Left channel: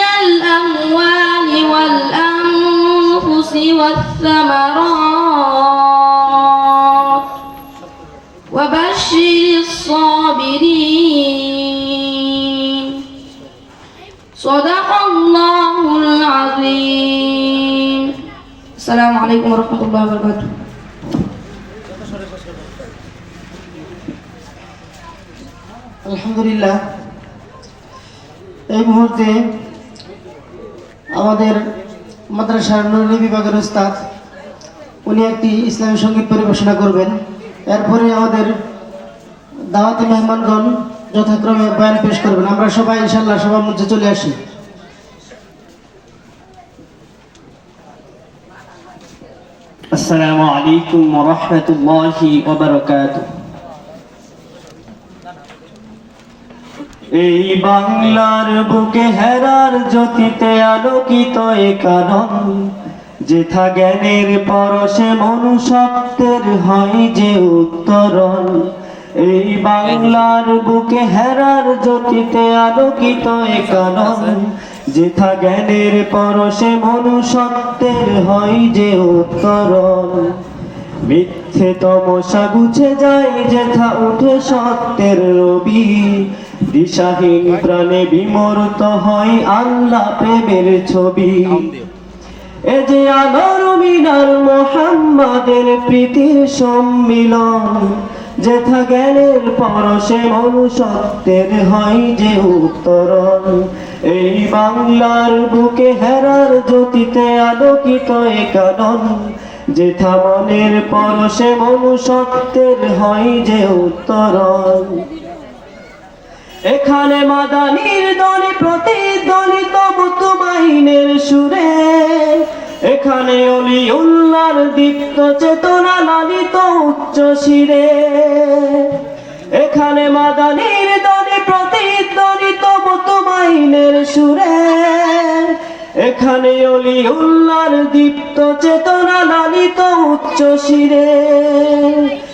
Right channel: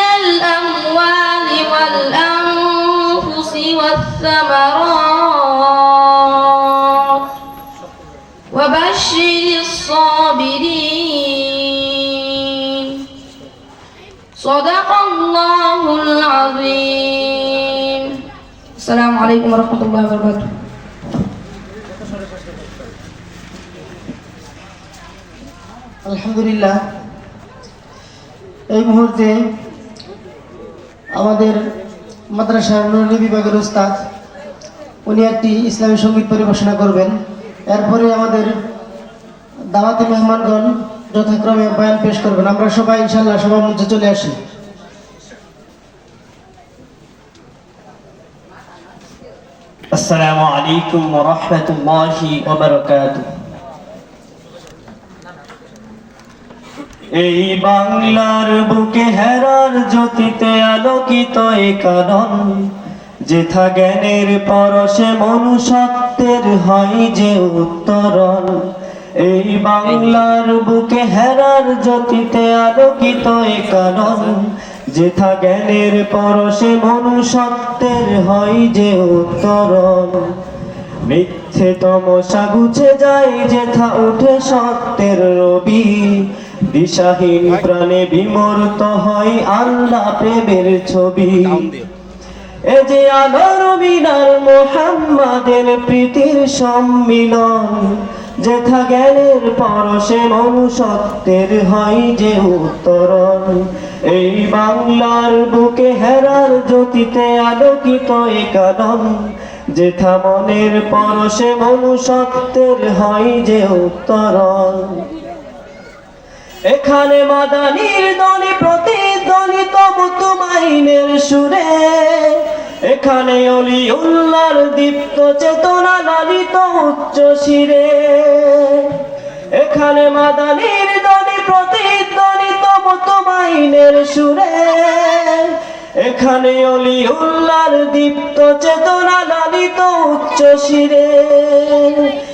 الأموال والأنفس والثمرات وبشر الصابرين صدق الله العظيم السلام عليكم ورحمة الله وبركاته আলহামদুলিল্লাহ এই মুহূর্তে আমাদের মাদ্রাসার ননী বিভাগের উস্তাদ, উনি একটি ইসলামী সংগীত পরিবেশনা করবেন। এরপরে আমাদের দাওয়াতি মেহমানগণ যথাক্রমে বয়ান পেশ করবেন। আমরা সবাই ইনশাল্লাহ সবার মধ্যে চলে আসি। আসসালামু আলাইকুম ওয়া রাহমাতুল্লাহি ওয়া বারাকাতুহু। এই বাংলার বুকে হেরার জ্যোতিতে আলোকিত এ কারণ যেথা জ্ঞানের পরশে মনুষ্যত্বের হয় যে উত্তরণ। এই বাংলার বুকে হেরার জ্যোতিতে আলোকিত এ কারণ যেথা জ্ঞানের পরশে মনুষ্যত্বের হয় যে উত্তরণ। মিথ্যে তমসা গুছে যায় যেথা উঠে সত্যের রবি দিশাহীন প্রাণে বিমূর্ত হয় আল্লাহ প্রেমের ছবি। এ যে আলোর মিনার মোহাম্মদের প্রীতির সম্মিলন, যেথা জ্ঞানের পরশে মনুষ্যত্বের হয় যে উত্তরণ। এই বাংলার বুকে হেরার জ্যোতিতে আলোকিত এ কানন যেথা মনের পরশে মনুষ্যত্বের হয় যে উত্তরণ। এখানে মাদানির দলে প্রতিধ্বনিত মুতুমাইনের সুরে। এখানে অলি উল্লার দীপ্ত চেতনা লালিত উচ্চ শিরে। এখানে মাদানির দলে প্রতিধ্বনিত মুতুমাইনের সুরে। এখানে অলি উল্লার দীপ্ত চেতনা লালিত উচ্চ শিরে।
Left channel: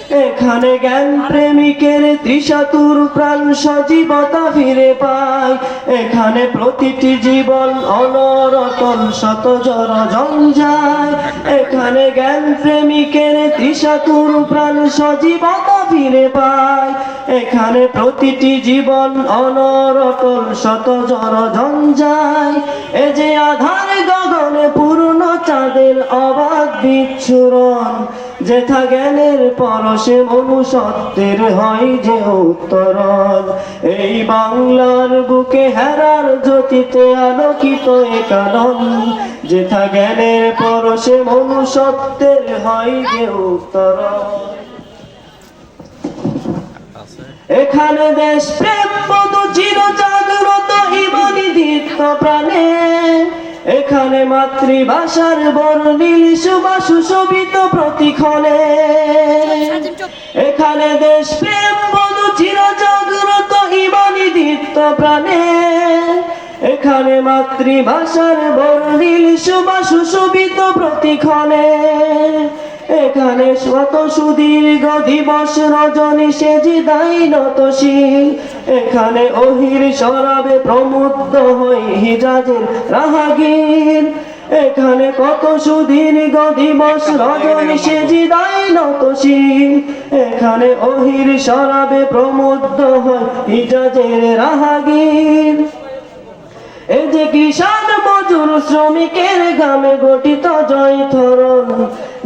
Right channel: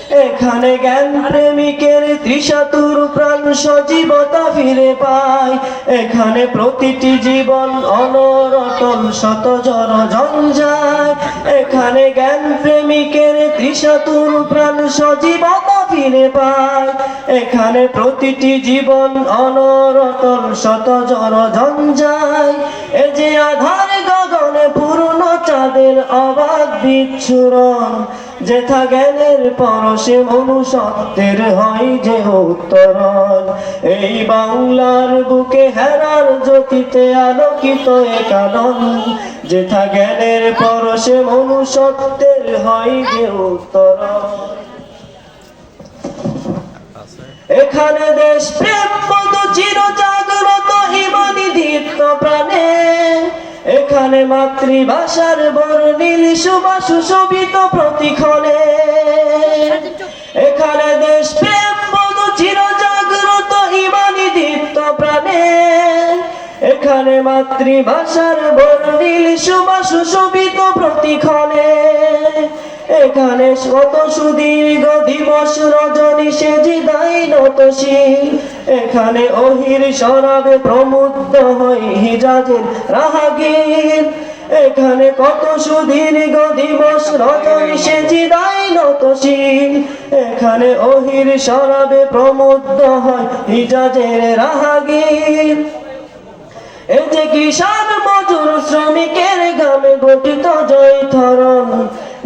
এখানে জ্ঞান প্রেমিকের তৃষাতুর প্রাণ সজীবতা ফিরে পায়। এখানে প্রতিটি জীবন অনরতন শত জন জঞ্জায় এখানে জ্ঞান প্রেমিকের তৃষাতুর প্রাণ সজীবতা ফিরে পায়। এখানে প্রতিটি জীবন অনরতন শত জন জঞ্জায় এ যে আধার গগনে পূর্ণ চাঁদের অবাধ বিচ্ছুরণ। যেথা জ্ঞানের পরশে মনুষ্যত্বের হয় যে উত্তরণ। এই বাংলার বুকে হেরার জ্যোতিতে আলোকিত এ কারণ যেথা জ্ঞানের পরশে মনুষ্যত্বের হয় যে উত্তরণ। এখানে দেশ প্রেম মধু চির জাগ্রত দীপ্ত প্রাণে। এখানে মাতৃভাষার বর্ণিল সুবাস সুশোভিত প্রতিক্ষণে। এখানে দেশ প্রেম বধু চির জাগ্রত ইমানি দীপ্ত প্রাণে। এখানে মাতৃভাষার বর্ণিল সুবাস সুশোভিত প্রতিক্ষণে। এখানে শত সুদীর্ঘ দিবস রজনী সে জিদাই নতশীল এখানে অহির শরাবে প্রমুগ্ধ হই হিজাজের রাহাগীর। এখানে কত সুদীর্ঘ দিবস রজনী সে জিদাই নতশীল এখানে অহির শরাবে প্রমুগ্ধ হয় হিজাজের রাহাগীর। এই যে কৃষক মজুর শ্রমিকের গ্রামে গঠিত জয়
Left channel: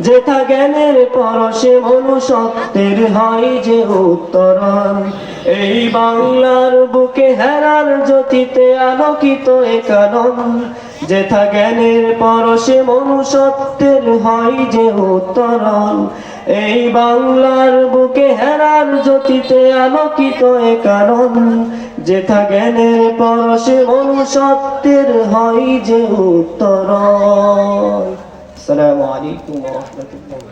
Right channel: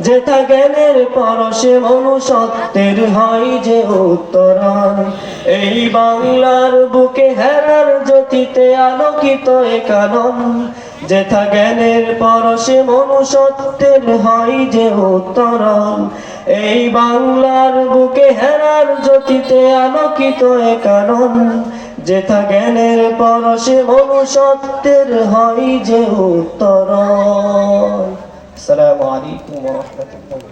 যেথা জ্ঞানের পরশে মনুষ্যত্বের হয় যে উত্তরণ। এই বাংলার বুকে হেরার জ্যোতিতে আলোকিত কানন। যেথা জ্ঞানের পরশে মনুষ্যত্বের হয় যে উত্তরণ। এই বাংলার বুকে হেরার জ্যোতিতে আলোকিত কানন। যেথা জ্ঞানের পরশে মনুষ্যত্বের হয় যে উত্তর আসসালামু আলাইকুম ওয়া রাহমাতুল্লাহ